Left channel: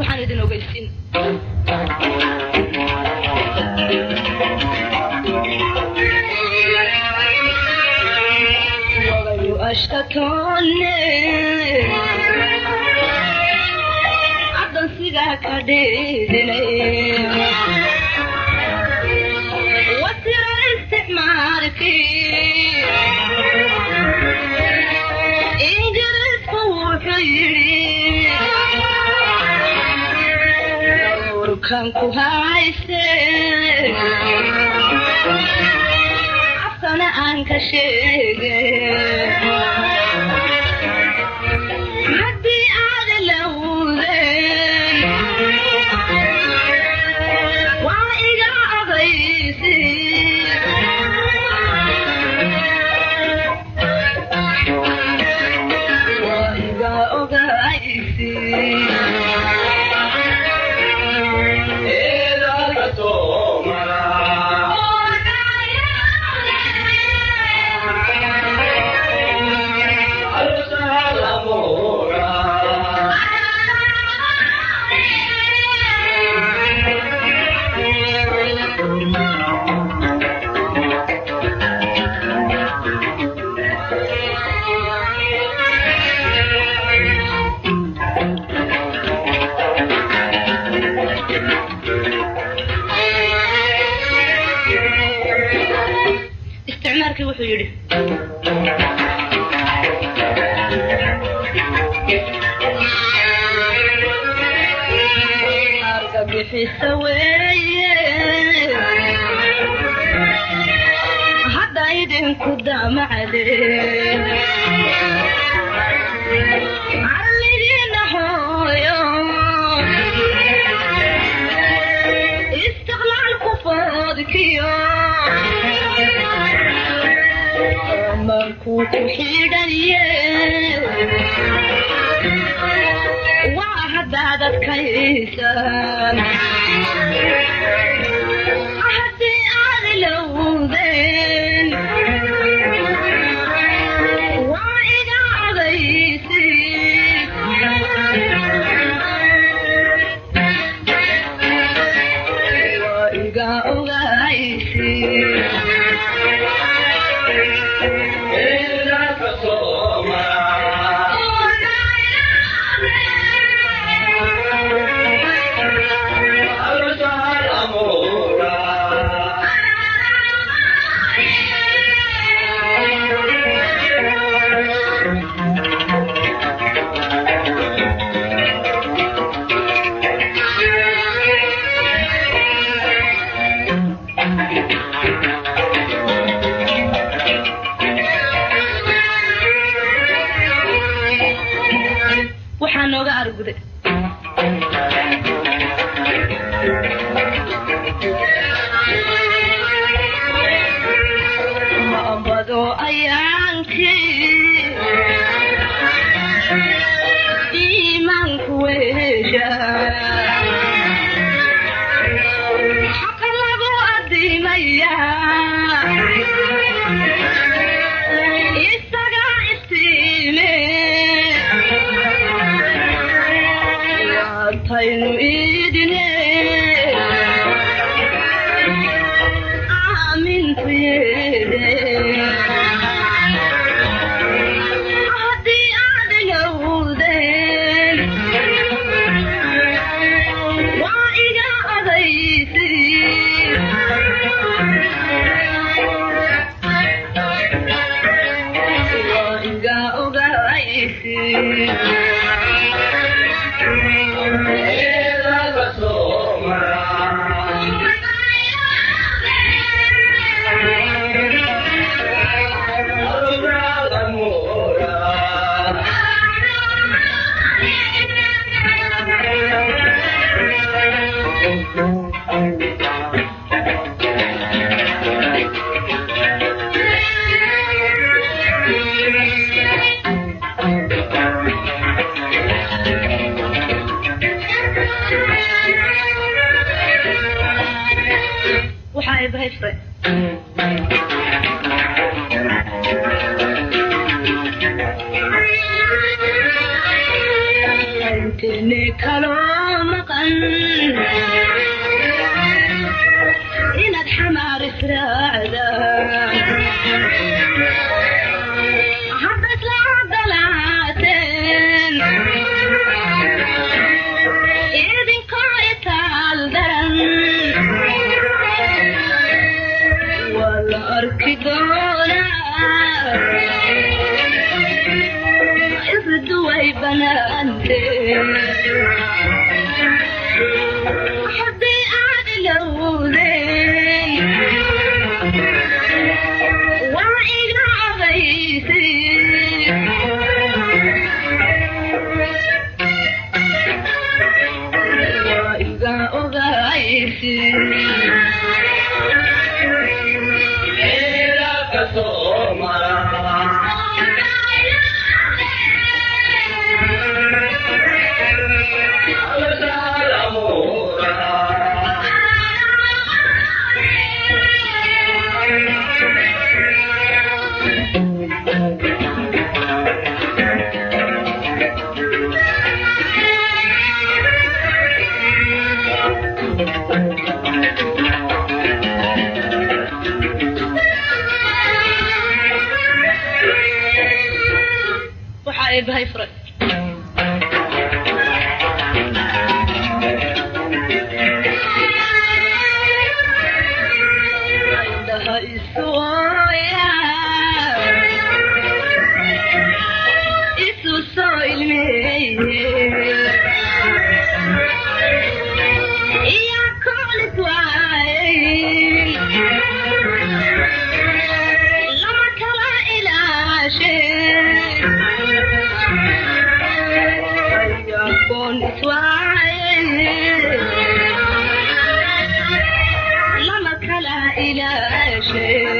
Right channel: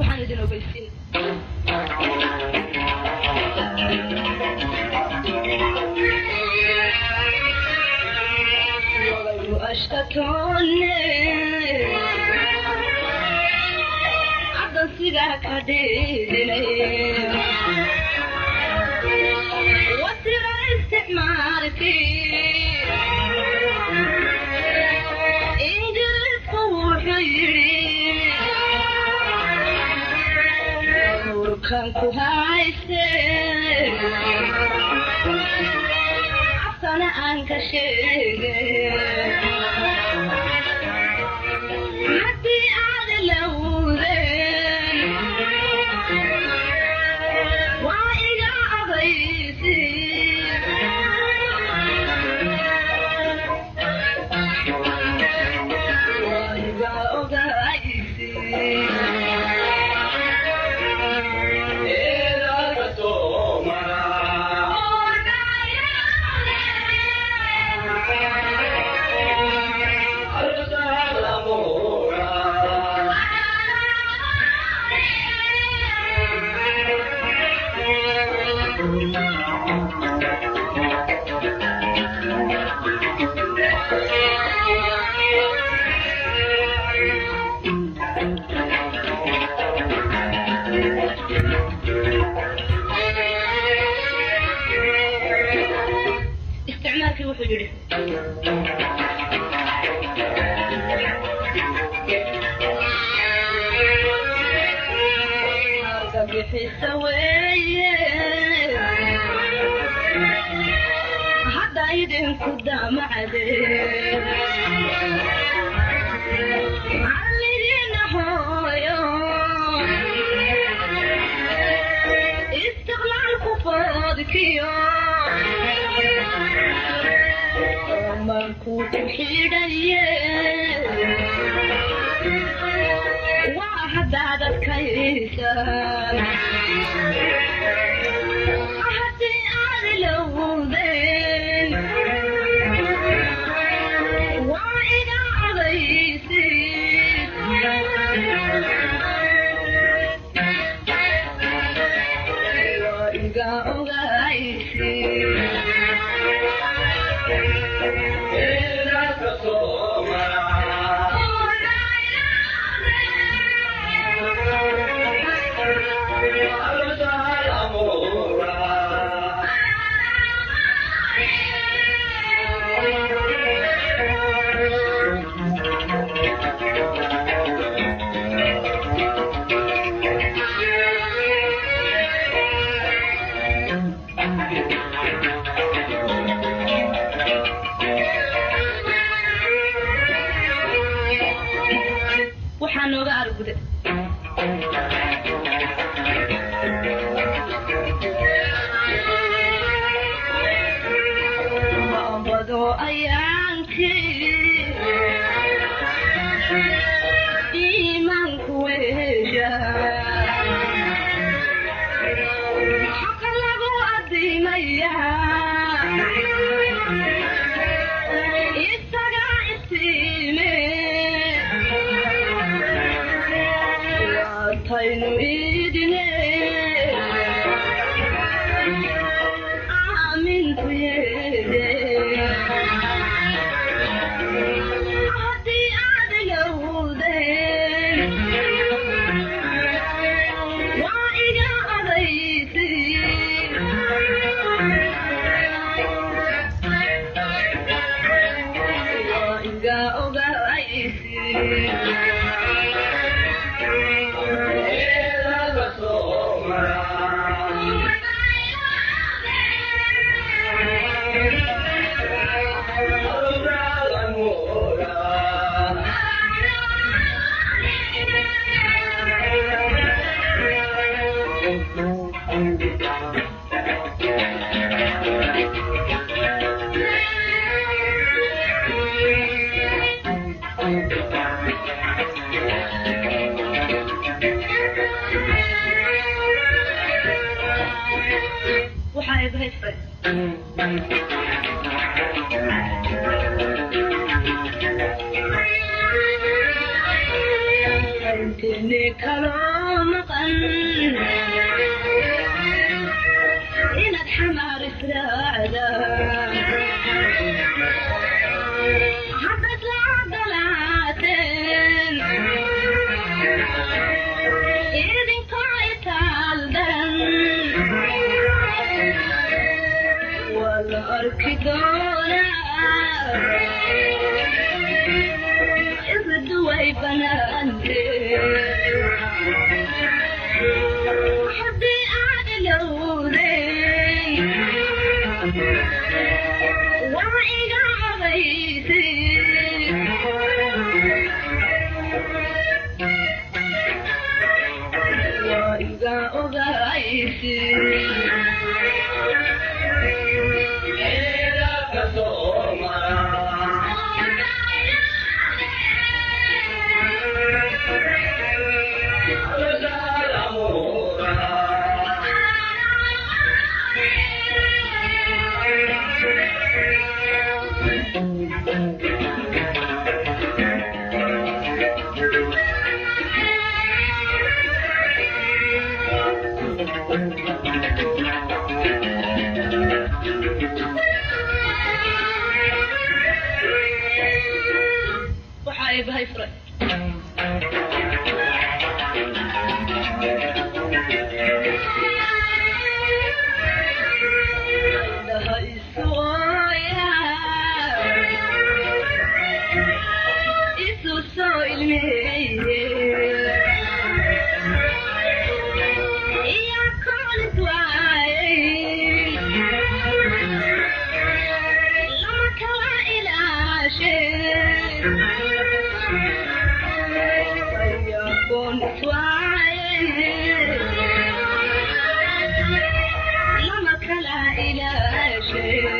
waxaan idin ogeysiin wagayu ashkatoone addansiga ka dheedinay wasira isticmaalkii ingiriisku wuxuu yidhi urkan ku hayse afkana aan ka sheegay haddii aad lawdeen waa iga adaysi waa iga ogaysi استعماركي وحو يدي أرقى حسا ويي هدا يدين قدام عليه علينا حويا استغلال كفادكيا منكو تحيدايا واحد عدد كيسان أحدي أغلودين وإذا أغيسي وإذا أغيسي waxaan nooga arguday ma ambado ayaankii iimaanku weesha xaqa lagu adimaya isaga istiime taynu idine aamintu yeede haddii aad yawdeen waa iga adaysi waa iga ogaysi waxaan ibahaystay intene kaloomakan inaad xamaar israacdaan hadda isla cadalaateen idinkoo itaal daran waa la arki doonaa isduway banaantee haddii aad ilowdeen waa iga ogaysay waa iga ogaysay waxaa eebahay furay indhaha isuoya isu soo ilmeeye iyo koolis waayey lama kala ilaashee ayagoon iswaayey lama kala ilaashee